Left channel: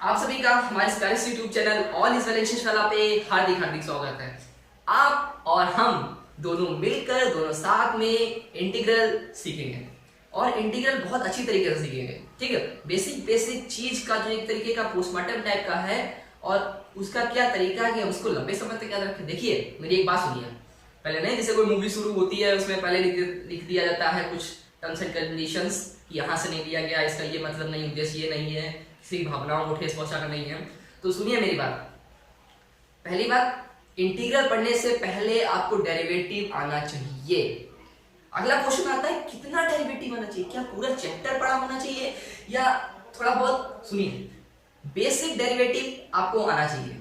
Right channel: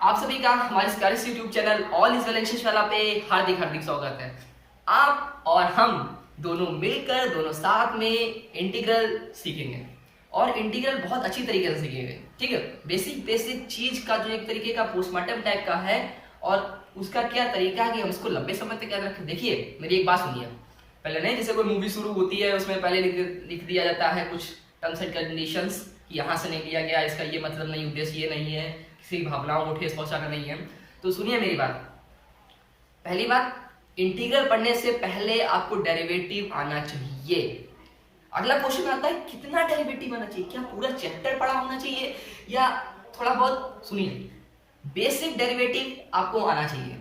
आप सभी का हमारे स्पेलिश YouTube channel all is well इंशाल्लाह पे हार्दिक हार्दिक स्वागत है। आप और हम दोनों मिलकर दोनों साथ में इंटीग्रल सीखेंगे और इंटीग्रल बहुत अच्छी तरीके से सीखेंगे। ठीक है, बेसिक बेसिक चीज का जो एक तरीके का पोस्टमार्टम टाइप का है और उसका क्या तरीका है कि हम उसको लंबे समय तक याद रखें। देखिए मेरी एक बात सुनिए, पहले नहीं जैसे कोई मूवी शुरू होती है उसमें पहले लिख दिया जाता है कुछ टर्म्स एंड कंडीशंस कि यहाँ से नहीं दिया गया, इसका ये मतलब नहीं, उद्देश्य ये नहीं है, किसी भावनाओं को ठेस पहुंचाना नहीं है। तो सुनिए मेरी बात, पहली बात, इंटीग्रल पढ़ने से पहले आपको डेरिवेटिव आना चाहिए। अगला क्वेश्चन आता है कितना डेरिवेटिव आना चाहिए, क्या पूरा चैप्टर पढ़ा होना चाहिए या थोड़ा बहुत। सुनिए, बेसिक डेरिवेटिव आपको आना चाहिए,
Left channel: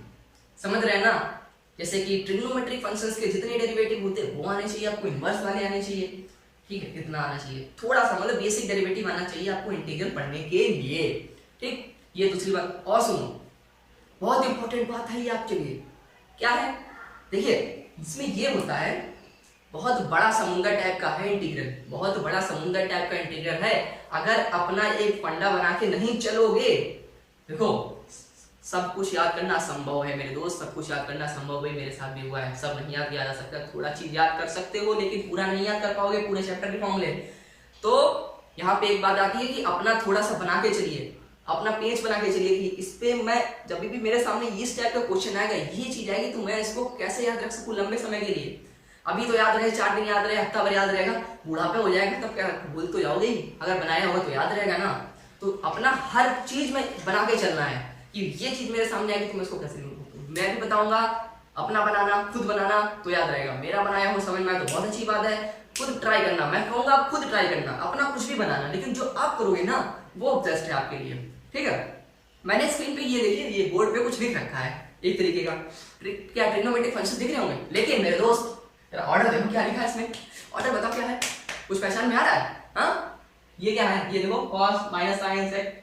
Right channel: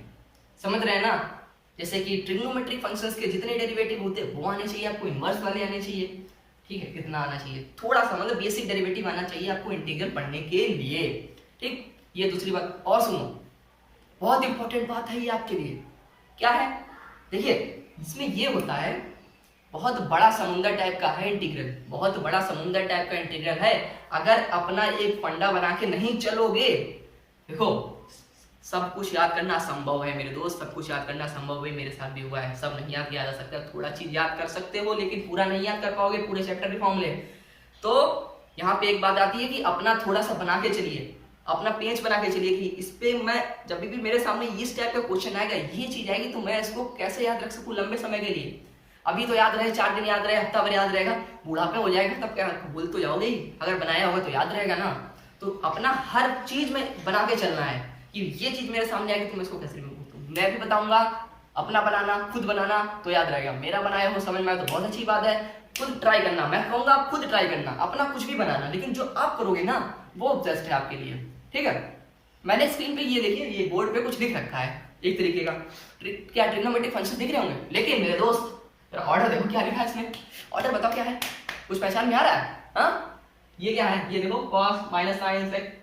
समझ रहे हैं ना। जैसे कि ट्रिग्नोमेट्रिक फंक्शंस के जितने डेरिवेटिव होते हैं वो आने चाहिए आपको, इनवर्स वाले आने चाहिए। ठीक है, कितना आना चाहिए, थोड़ा सा मतलब बेसिक डेरिवेटिव आना चाहिए आपको इंटीग्रल पढ़ने के लिए। ठीक, ये दूसरी बात। और सुनो, बहुत इंपॉर्टेंट बात है ये आपके लिए, क्या है देखिए, इसमें ये होता है बहुत बड़ा समुंदर टाइप का है इंटीग्रल, बहुत बड़ा समुंदर टाइप का इंटीग्रल है। अगर अपना एक फंडा बना के नहीं चलोगे, देखो सब कुछ याद करना संभव है मेरे दोस्त, सब कुछ याद करना संभव है, मेरे साथ भी हुआ है। सब नहीं याद किया जा सकता, थोड़ा चीज याद कर सकते हो लेकिन पूरा नहीं याद कर पाओगे पूरे चैप्टर के फॉर्मूले। तो यहाँ पे एक बात आती है कि अपना थोड़ा सा बना के चलिए, अपना पेज बना के चलिए कि इस पे मैं जब भी मेरे सामने इस टाइप का क्वेश्चन आएगा, ये चीज आएगी तो मैं इसको कैसे याद रख सकूं लंबे समय के लिए। अभी तो याद रहे, 4 दिन याद रहे, हफ्ता भर याद रहेगा, बुढ़ापे हो जाएगा तब क्या भूल तो जाओगे ही, अगर बनाया होगा तो याद रहेगा ना। तो अपना हर चीज में बना के चलना है कि ये चीज मेरे सामने आएगी तो मैं इसको कैसे मैं भी बताऊंगा। अपना बनाना, खुद बनाना तो याद रहेगा, मेरा बनाया हो समझ में आए तो बहुत अच्छी बात है। खुद ट्राई करना, मैं कहूंगा खुद ट्राई करना, अपना कुछ भी बनाना, लेकिन जो आप करोगे ना वो बेस्ट है आपके लिए। ठीक है, मैंने स्क्रीन पे ये देखिए, ये बोर्ड पे कुछ लिख रखा है एक तरीके का, क्या ट्रिग्नोमेट्रिक फंक्शन दिख रहे होंगे, लेकिन मेरे दोस्त ऑर्डर देखो क्या लिखा है इसमें। ऑर्डर बताओ क्या है, कुछ पहचान में आ रहा है? हाँ, ये क्या है, ये देखो cos माइनस साइन सेक।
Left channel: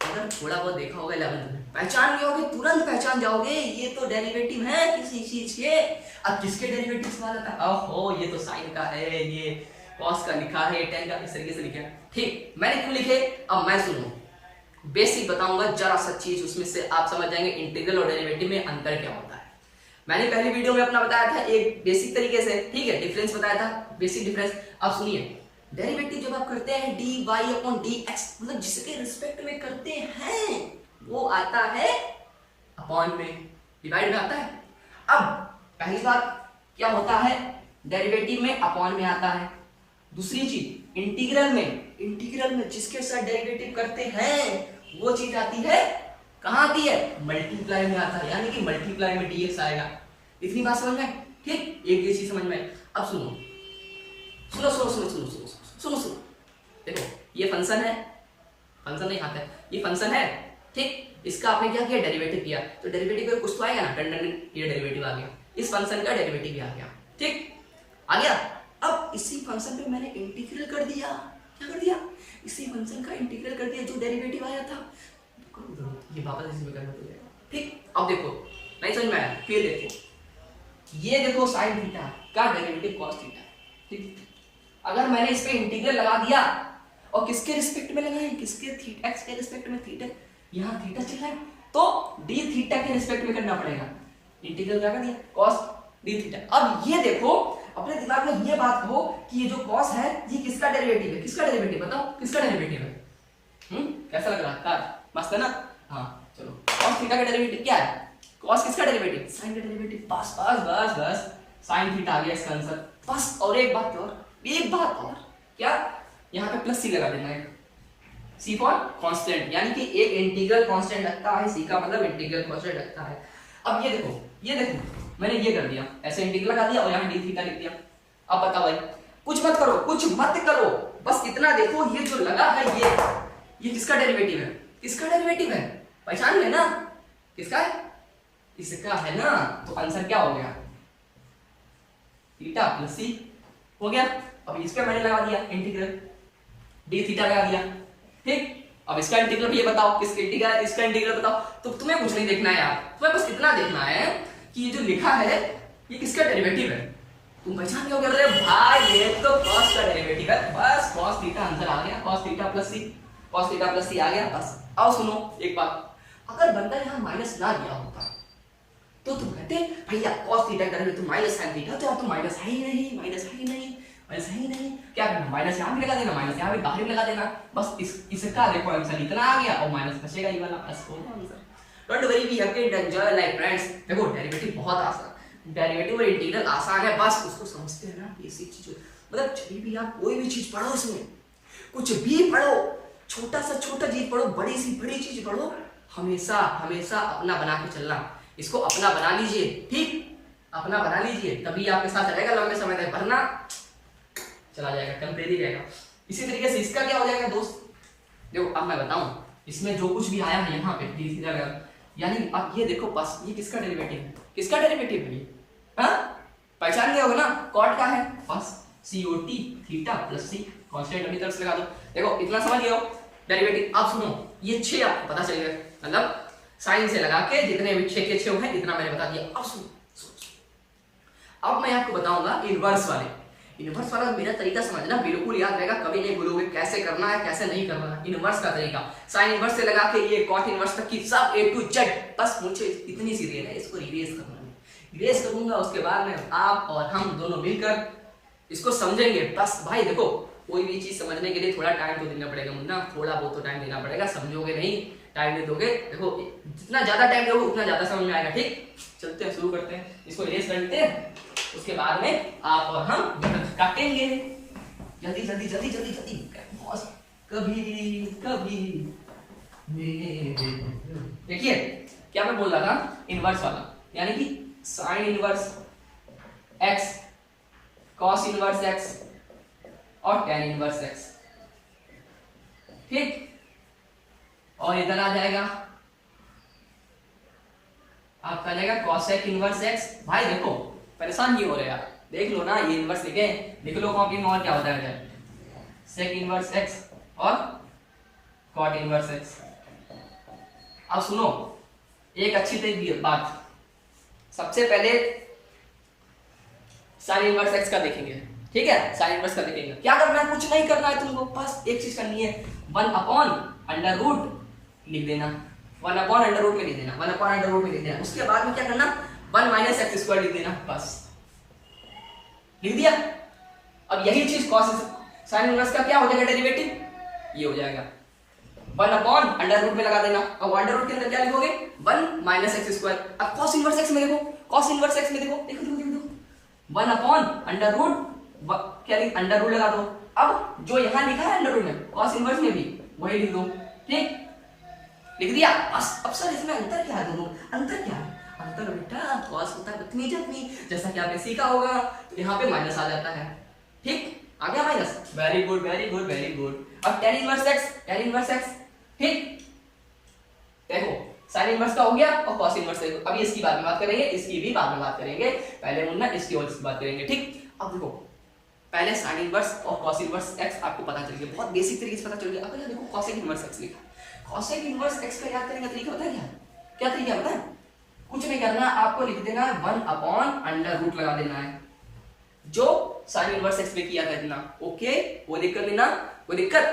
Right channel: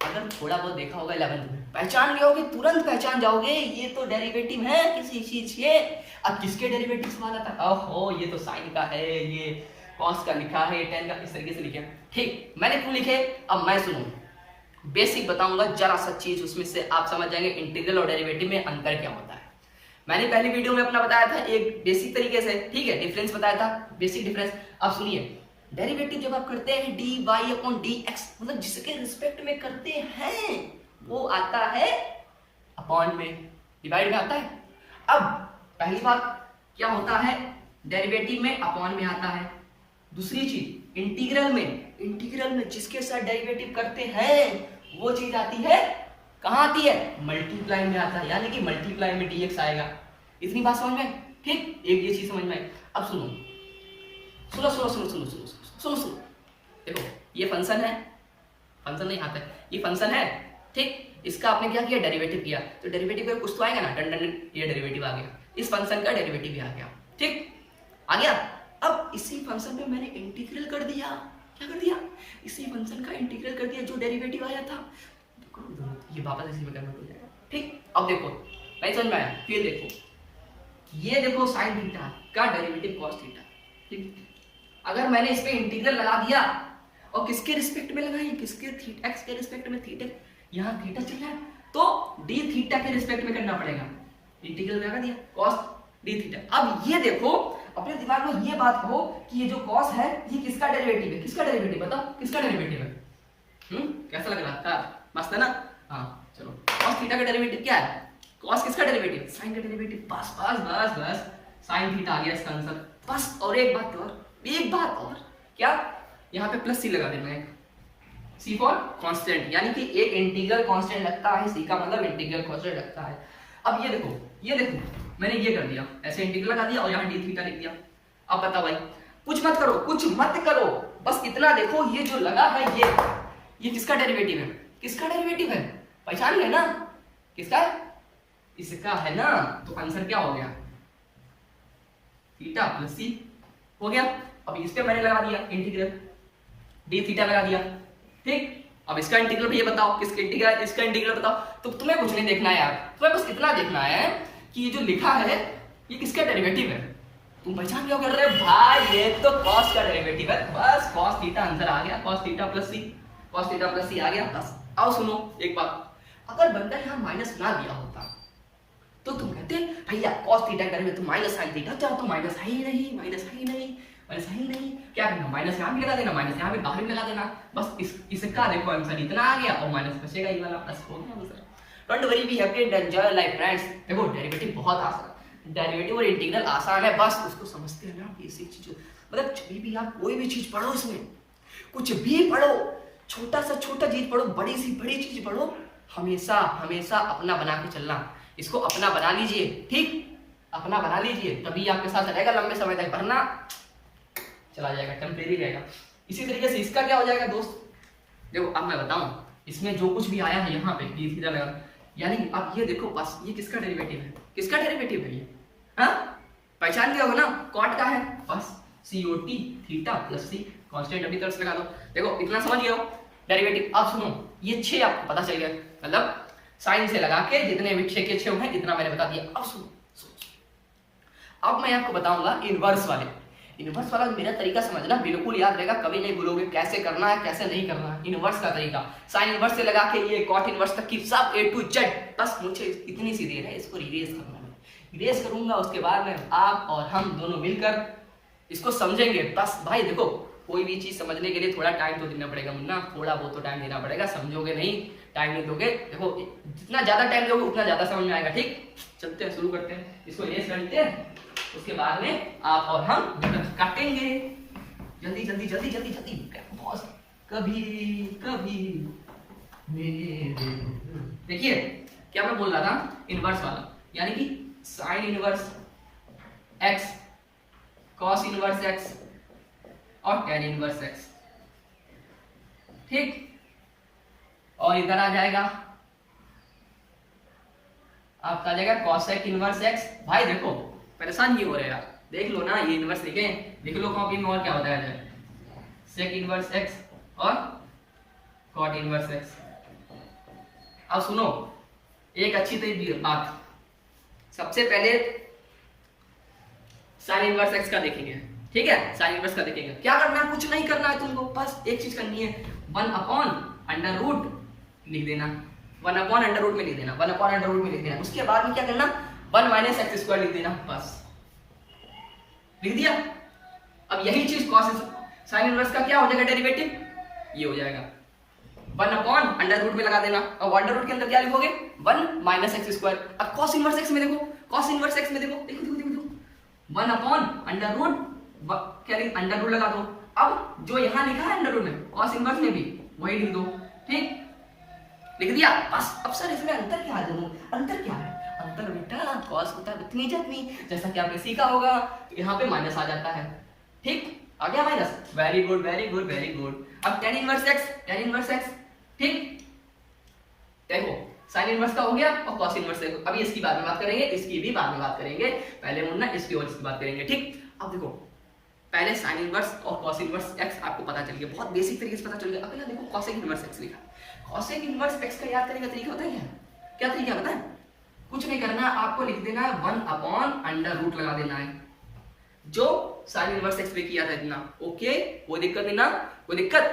अगर थोड़ा बहुत देखा होगा 11th में, पहचान लिया होगे, तुरंत पहचान जाओगे ये तो डेरिवेटिव है किसी चीज के। अब किसके डेरिवेटिव सवाल आता है, ओहो ये तो साइन का है, ये कॉस का लिखा है, ये टेन का, इस तरीके से लिखा है। ठीक, मैंने क्यों लिखे अब मैं सुनो, बेसिक बताऊंगा जरा सा चीज, उसमें से आप समझ जाएंगे इंटीग्रल और डेरिवेटिव में अंतर क्या होता है। मैंने पहली वीडियो में अपना बताया था एक बेसिक तरीके से, ठीक है, डिफरेंस बताया था, बेसिक डिफरेंस। अब सुनिए, डेरिवेटिव जब आप करते हैं dy अपॉन dx, मतलब जिसके रिस्पेक्ट में करते हैं वो आता है अपॉन में, डिवाइड में आता है। अब पहली बात क्या होता है, डेरिवेटिव में अपॉन में आता है। दूसरी चीज इंटीग्रल में जिसके साथ डेरिवेटिव करते हैं वो चीज आती है, कहां आती है, मल्टीप्लाई में आता है, यानी कि मल्टीप्लाई में dx आएगा। इतनी बात समझ में? ठीक, एक ये चीज समझ में। अब सुनो सुनो सुनो सुनो सुनो सुनो सुनो सुनो, देखो ये फंक्शन है, फंक्शन नहीं आता है, ये फंक्शन है, ठीक, इसका आपने क्या किया, डेरिवेटिव किया, तो डेरिवेटिव का कुछ तो आएगा ना, ये डेरिवेटिव आ गया, इस फंक्शन का डेरिवेटिव भी आ गया, ठीक, आ गया। अब इसी फंक्शन पे मैंने इंटीग्रल कर दिया, क्या कर दिया, इसी फंक्शन का इंटीग्रल कर दिया जो डेरिवेटिव आया था, तो ये वापस इसी में कन्वर्ट हो जाएगा। ठीक, अब देखो नहीं समझ में आया, फिर देखो, ये देखो साइन थीटा का डेरिवेटिव कॉस थीटा, ठीक, अगर मैंने इस पे इंटीग्रल लगा दिया और किसके रिस्पेक्ट में लगाए, किसके थीटा, एक्स के रिस्पेक्ट में, थीटा यहाँ थीटा चल रहा है तो डी थीटा के रिस्पेक्ट में करना पड़ेगा, इंटीग्रल लगा दिया cos डी थीटा। अब ये देखो, अपने दिमाग में ये बात हो कि ये जो cos है ये किसका डेरिवेटिव है, किसका डेरिवेटिव बताओ, किसका डेरिवेटिव है? कैसा लग रहा है, मस्त है ना। हाँ चलो, cos थीटा का डेरिवेटिव क्या है, cos किसका डेरिवेटिव, साइन का डेरिवेटिव। बस बस बस बस, साइन थीटा आ गया इसका आंसर। बस, और एक बात और क्या, यहाँ पे प्लस सी लगा देना है, सी फॉर कांस्टेंट, यानी कि एक इंटीग्रल कांस्टेंट लगता है, सी का मतलब इंटीग्रल कांस्टेंट लगता है। अब ये देखो मैंने ये कर दिया, ऐसे इंटीग्रल लगा दिया और यहाँ डी थीटा लिख दिया। अब बताओ भाई, कुछ मत करो, बस इतना देखो, ये जो लगा है ये किसका डेरिवेटिव है, किसका डेरिवेटिव है, पहचान गए ना, किसका है, इसका है ना। तो आंसर क्या हो गया, थीटा प्लस सी हो गया। अब इस पे मैंने लगा दिया इंटीग्रल, डी थीटा लगा दिया, ठीक। अब इसका इंटीग्रल ये बताओ, इसका इंटीग्रल बताओ। तो तुम्हें कुछ नहीं देखना है यार, तुम्हें बस इतना देखना है कि ये जो लिखा है ये किसका डेरिवेटिव है। तुम पहचान क्या कर रहे हो भाई, ये तो cos का डेरिवेटिव है, बस cos थीटा आंसर आ गया, cos थीटा प्लस सी आ गया। बस आओ सुनो एक बात, अगर बंदा यहाँ माइनस ना दिया होता तो तुम कहते भैया cos थीटा करेंगे तो माइनस साइन थीटा, तो माइनस है ही नहीं, माइनस है ही नहीं, माइनस है ही नहीं, क्या करना, माइनस यहाँ भी लगा देना, माइनस यहाँ भी बाहर भी लगा देना, बस इसका देखो आंसर इतना आ गया और माइनस बचेगा ये वाला, प्लस हो गया answer. Don't worry, be happy and enjoy life friends. देखो डेरिवेटिव बहुत आसान, डेरिवेटिव और इंटीग्रल आसान है, बस उसको समझते हैं ना, बेसिक चीज। मतलब जब भी आप कोई भी चीज पढ़ो, इसमें कुछ भी पढ़ो, छोटा सा छोटा चीज पढ़ो, बड़ी सी बड़ी चीज पढ़ो, हमेशा हमेशा अपना बना के चलना। इसको अपना बना लीजिए, ठीक, अपना बना लीजिए, तभी आपके साथ रहेगा लंबे समय तक, वरना चला जाएगा, टेम्परेरी रहेगा। इसी तरीके से इसका क्या हो जाएगा दोस्त, देखो अब मैं बताऊं, इसमें जो कुछ भी आया है यहाँ पे डी थीटा लगा, यानी अब ये देखो बस ये किसका डेरिवेटिव है, किसका डेरिवेटिव है ये, हाँ पहचान गया होगा ना, कॉट का है, बस COT थीटा प्लस सी, कांस्टेंट अपनी तरफ से लगा दो। देखो इतना समझ गए हो डेरिवेटिव। अब सुनो, ये 6 आपको पता चल गया, मतलब साइन से लगा के जितने भी 6 के 6 हैं इतना मैंने बता दिया। अब सुनो, अब मैं आपको बताऊंगा इनवर्स वाले, इनवर्स वाला मेरा तरीका समझना, बिल्कुल याद रहेगा, कभी नहीं भूलोगे कैसे करना है कैसे नहीं करना है। इनवर्स का तरीका, साइन इनवर्स से लगा के ये कॉट इनवर्स तक की सब A to Z, बस मुझे इतनी सी देर है, इसको इरेज करना है, इरेज करूंगा, उसके बाद में आप और हम दोनों मिलकर इसको समझेंगे। बस भाई देखो, कोई भी चीज समझने के लिए थोड़ा टाइम तो देना पड़ेगा मुन्ना, थोड़ा बहुत तो टाइम देना पड़ेगा, समझोगे नहीं, टाइम नहीं दोगे, देखो जितना ज्यादा टाइम दोगे उतना ज्यादा समझ में आएगा। ठीक, चलते हैं, शुरू करते हैं, इसको इरेज कर लेते हैं, उसके बाद में आप और हम काटेंगे, जल्दी जल्दी जल्दी जल्दी जल्दी, कभी कभी। देखिए क्या मैं बोल रहा था, इनवर्स वाला, यानी कि sine inverse x, cos inverse x और tan इनवर्स x, ठीक, और इधर आ जाएगा आपका आ जाएगा कॉसेक इनवर्स x। भाई देखो परेशान नहीं हो रहे यार, देख लो ना, ये इनवर्स लिख लो कॉपी में, और क्या होता है, सेक इनवर्स x और कॉट इनवर्स x। अब सुनो एक अच्छी तरीके बात, सबसे पहले साइन इनवर्स x का देखेंगे, ठीक है, साइन इनवर्स का देखेंगे। क्या करना है, कुछ नहीं करना है तुमको, बस एक चीज करनी है, 1/√, लिख देना, 1/√, में लिख देना, 1/√, में लिख देना। उसके बाद में क्या करना, 1 - x² लिख देना, बस लिख दिया। अब यही चीज कॉस साइन इनवर्स का क्या हो जाएगा डेरिवेटिव, ये हो जाएगा 1/√, में लगा देना, और 1√ के अंदर क्या लिखोगे, 1 - x²। अब कॉस इनवर्स x में देखो, कॉस इनवर्स x में देखो, देखो देखो देखो, 1/√, क्या लिख, अंडर लगा दो। अब जो यहाँ लिखा है अंडर में, कॉस इनवर्स में भी वही लिख दो, ठीक, लिख दिया बस। अब सर इसमें अंतर क्या है, दोनों अंतर क्या है, अंतर बेटा कॉस होता है इतनी जतनी, जैसा कि आपने सीखा होगा, तो यहाँ पे माइनस आ जाता है, ठीक, आ गया minus, very good very good very good. अब tan इनवर्स x, ठीक, देखो साइन इनवर्स का हो गया और कॉस इनवर्स देखो। अभी इसकी बाद में बात करेंगे, इसकी भी बाद में बात करेंगे, पहले मुन्ना इसकी और इसकी बात करेंगे, ठीक। अब देखो पहले साइन इनवर्स और कॉस इनवर्स x आपको पता चल गया, बहुत बेसिक तरीके से पता चल गया। अगला देखो कॉसेक इनवर्स x लिखा, कॉसेक इनवर्स x का याद करने का तरीका बताएं, क्या तरीका बताएं, कुछ नहीं करना, आपको लिख देना है 1/√, लगा देना है, जो साइन इनवर्स x पे किया था इतना, ओके, वो दिक्कत नहीं ना, कोई दिक्कत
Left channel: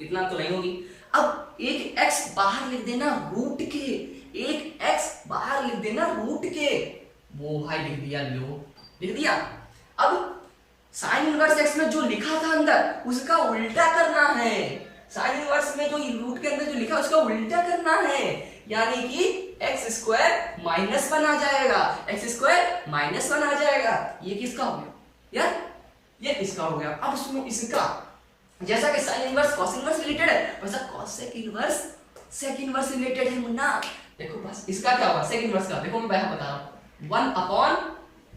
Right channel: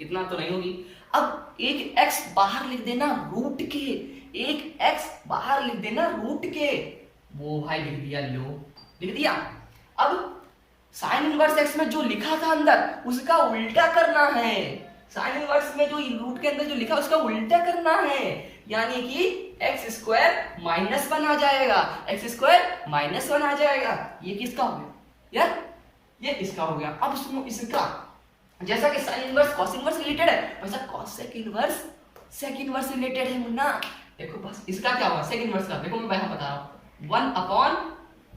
इतना तो नहीं होगी। अब एक x बाहर लिख देना रूट के, एक x बाहर लिख देना रूट के, वो भाई लिख दिया, लो लिख दिया। अब साइन इनवर्स x में जो लिखा था अंदर उसका उल्टा करना है, साइन इनवर्स में जो रूट के अंदर जो लिखा उसका उल्टा करना है, यानी कि x² -1 आ जाएगा, x² -1 आ जाएगा। ये किसका हो गया यार, ये इसका हो गया। अब सुनो इसका, जैसा कि sine inverse cos inverse related है, वैसा cosec inverse sec inverse related है मुन्ना। देखो बस इसका क्या होगा, सेक इनवर्स का देखो मैं यहाँ बता रहा हूँ, 1/,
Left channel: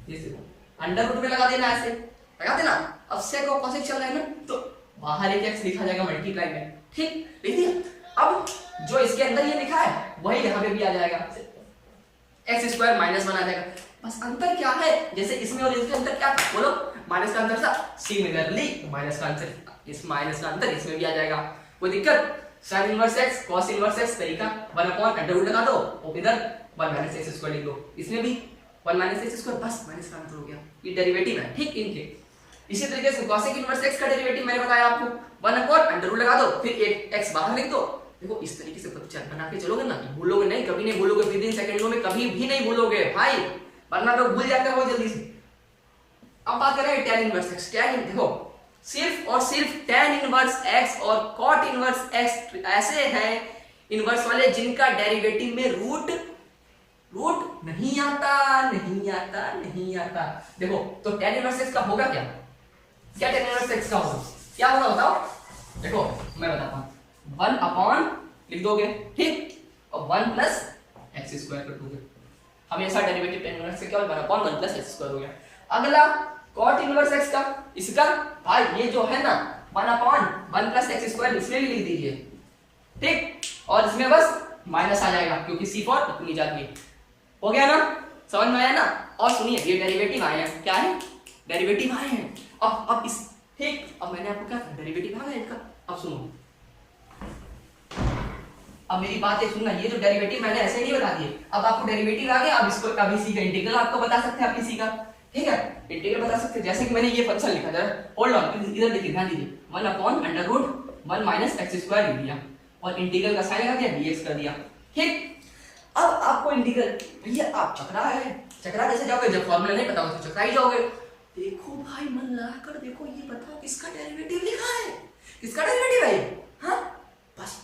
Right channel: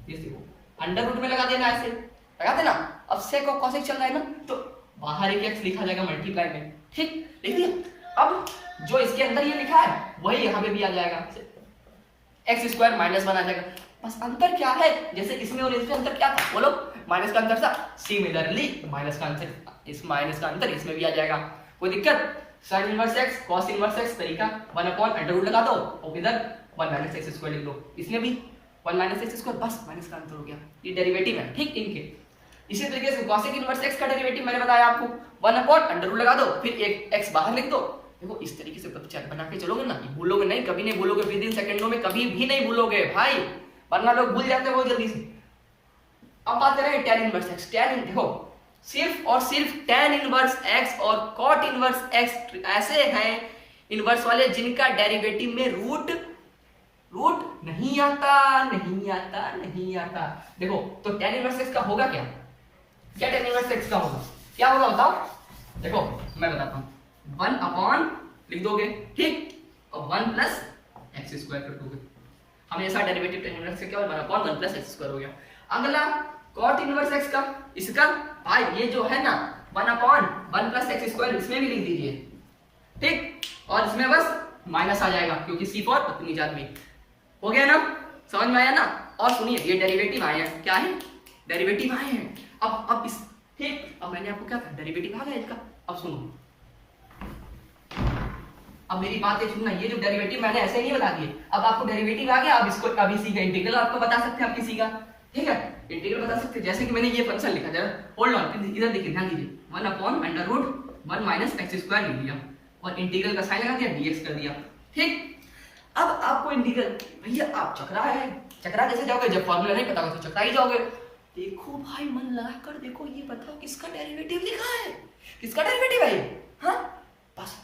ये देखो अंडर में लगा देना, ऐसे लगा देना। अब सेक और कॉसेक चल रहा है ना, तो बाहर एक x लिखा जाएगा मल्टीप्लाई में, ठीक, लिख दिया। अब जो इसके अंदर ये लिखा है वही यहाँ पे भी आ जाएगा, x² -1 आ जाएगा। बस अंतर क्या है, जैसे इसमें और इसमें अंतर क्या था, बोलो, माइनस का अंतर था, सिमिलरली माइनस का अंतर, इस माइनस का अंतर इसमें भी आ जाएगा, कोई दिक्कत। Sine inverse x cos inverse x तरीका 1/√, लगा दो और इधर 1 - x² लिख दो, इसमें भी 1 - x², बस माइनस का अंतर हो गया, ये डेरिवेटिव है, ठीक, इनके। इसी तरीके से कॉसेक इनवर्स x का डेरिवेटिव मैंने बताया आपको, 1/√, लगा दो, फिर एक x बाहर लिख दो, देखो इस तरीके से प्रतिशत बना के चलोगे ना, भूलोगे नहीं, कभी नहीं भूलोगे, विद इन सेकंडों में कभी भी नहीं भूलोगे भाई, वरना लोग भूल जाते हो जल्दी से। अब बात करें tan इनवर्स x। देखो सिर्फ और सिर्फ tan इनवर्स x और cot इनवर्स x ऐसे हैं इनवर्स वाले जिनका डेरिवेटिव में रूट नहीं आता। देखो तो tan इनवर्स x का होगा क्या tan इनवर्स x का होगा क्या होगा बताओ। देखो मैं बताता हूँ, 1 अपॉन लिख दोगे, ठीक, और 1 प्लस एक्स स्क्वायर कर दोगे। हमेशा डेरिवेटिव tan इनवर्स क्या होगा, 1 अपॉन 1 प्लस एक्स स्क्वायर हो गया। अगला cot इनवर्स x का, इसका भाई ये जो है ना 1 अपॉन 1 प्लस एक्स स्क्वायर, इसमें भी लिख दीजिए, ठीक, और इसमें बस माइनस आ जाएगा क्योंकि c4 अपनी जात में हो गया ना, समझ में आया ना। और सुनिए ये डेरिवेटिव आए हैं, क्या है, डेरिवेटिव आए हैं। अब इस, ठीक, अब मैंने आपको क्या कहा, डेरिवेटिव आ गया इनका। अब सुनो, अब मेरी बात है सुनना, ये जो डेरिवेटिव मैंने ऐसे नहीं बता दिए, अब आपको डेरिवेटिव आ गया, अब इसको अब इसी का इंटीग्रल आपको बता सकते हैं, आप किसी का, ठीक है, इंटीग्रल बता सकते हैं। जैसे कि मैंने ये फंक्शन लिखा, जरा होल्ड ऑन, इधर देखिए, ध्यान दीजिए, 1 upon under root 1 minus X square लिख दिया और इंटीग्रल का साइन लगा दिया, dx कर दिया, ठीक। अब आपको इंटीग्रल, भैया आप चकरा कैसे जाओगे, जब फॉर्मूला नहीं पता होगा तो चकरा ही जाओगे। देखो भाई मन लगा कर देखो, ये बताओ किसका डेरिवेटिव लिखा है, किसका डेरिवेटिव है ये, हाँ बस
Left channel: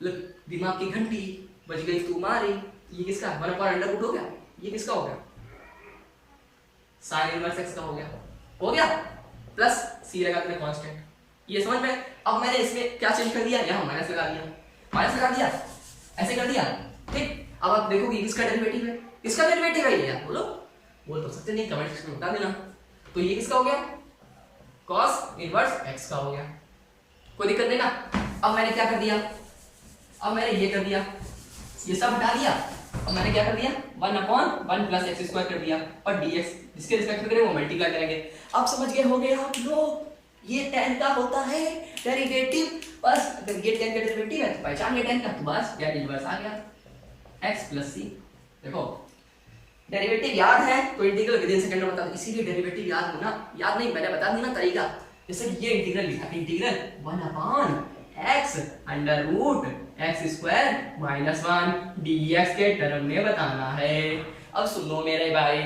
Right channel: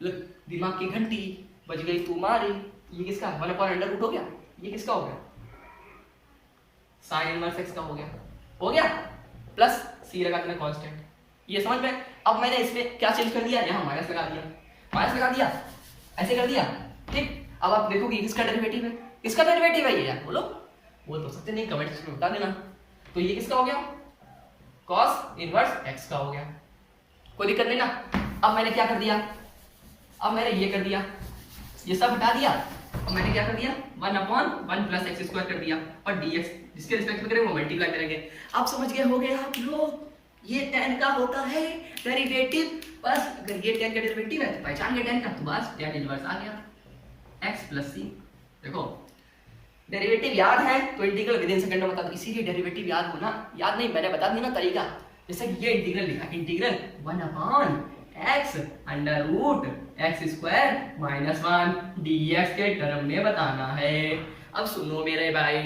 दिमाग की घंटी बज गई तुम्हारी। ये किसका, 1 अपॉन अंडर रूट हो गया, ये किसका हो गया, साइन इनवर्स एक्स का हो गया, प्लस सी लगा देना कांस्टेंट, ये समझ में। अब मैंने इसमें क्या चेंज कर दिया, यहाँ माइनस लगा दिया, ऐसे कर दिया, ठीक। अब आप देखोगे किसका डेरिवेटिव है, किसका डेरिवेटिव है ये, यार बोल तो सकते नहीं, कमेंट सेक्शन में बता देना। तो ये किसका हो गया, cos इनवर्स x का हो गया, कोई दिक्कत नहीं ना। अब मैंने क्या कर दिया, अब मैंने ये कर दिया, ये सब हटा दिया, अब मैंने क्या कर दिया, 1 अपॉन 1 प्लस एक्स स्क्वायर कर दिया और dx जिसके रिस्पेक्ट में करेंगे वो मल्टीप्लाई करेंगे। अब समझ गए होंगे आप लोग, ये tan का होता है डेरिवेटिव। बस अगर ये tan का डेरिवेटिव है तो पहचान गए tan का, तो बस tan इनवर्स आ गया x प्लस c। देखो डेरिवेटिव याद है तो इंटीग्रल विद इन सेकंड में बता दो, इसीलिए डेरिवेटिव याद होना, याद नहीं मैंने बता दिया ना तरीका। जैसे कि ये इंटीग्रल लिखा, integral 1 upon x under root X square minus 1 dx के टर्म में बताना है। अब सुनो मेरे भाई,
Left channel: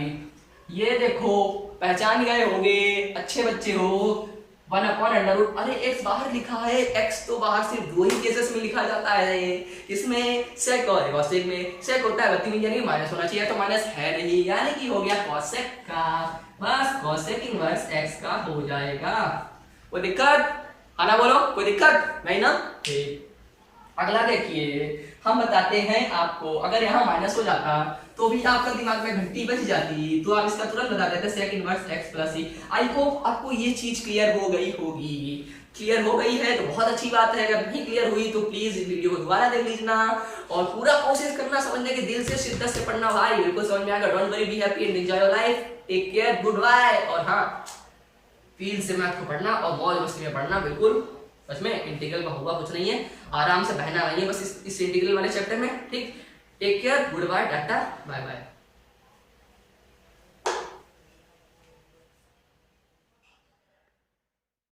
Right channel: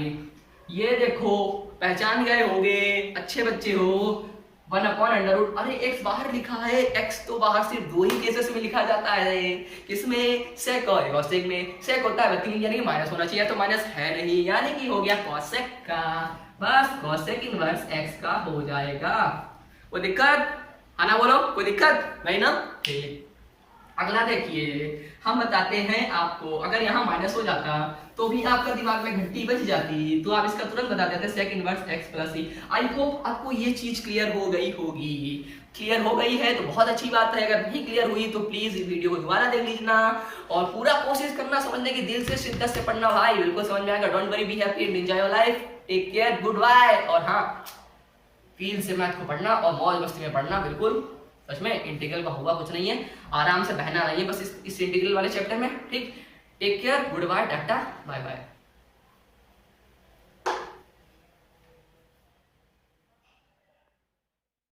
ये देखो पहचान गए होंगे, अच्छे बच्चे हो, 1 अपॉन अंडर रूट, अरे x बाहर लिखा है, x तो बाहर सिर्फ 2 ही केसेस में लिखा जाता है, किसमें, सेक और कॉसेक में। सेक होता है बत्ती में, यानी कि माइनस होना चाहिए, तो माइनस है नहीं, यानी कि हो गया कॉसेक का, बस कॉसेक इनवर्स x का हो जाएगा। कोई दिक्कत, आना बोलो, कोई दिक्कत नहीं ना, ठीक। अगला देखिए, हम बताते हैं आपको, अगर यहाँ माइनस हो जाता तो भी आपका दिमाग में घंटी बज जाती, तो आप इसका तुरंत बता देते sec inverse x plus c। I hope आपको ये चीज क्लियर हो गई होगी। क्लियर हो गई है तो बहुत अच्छी बात है, अगर नहीं क्लियर हुई तो प्लीज इस वीडियो को दोबारा देख लीजिए और पूरा कोशिश करना समझने की, दिल से शिद्दत से पढ़ना भाई, बिल्कुल समझ में आएगा। Don't worry, be happy and enjoy your life, take care, goodbye. और हाँ, फील से मैथ को पढ़ना और मौज मस्ती में पढ़ना, बिल्कुल सच में इंटीग्रल का हुआ कुछ नहीं है, आराम से बहना नहीं है बस इस इंटीग्रल वाले चैप्टर में, ठीक। Take care, goodbye, tata, bye bye.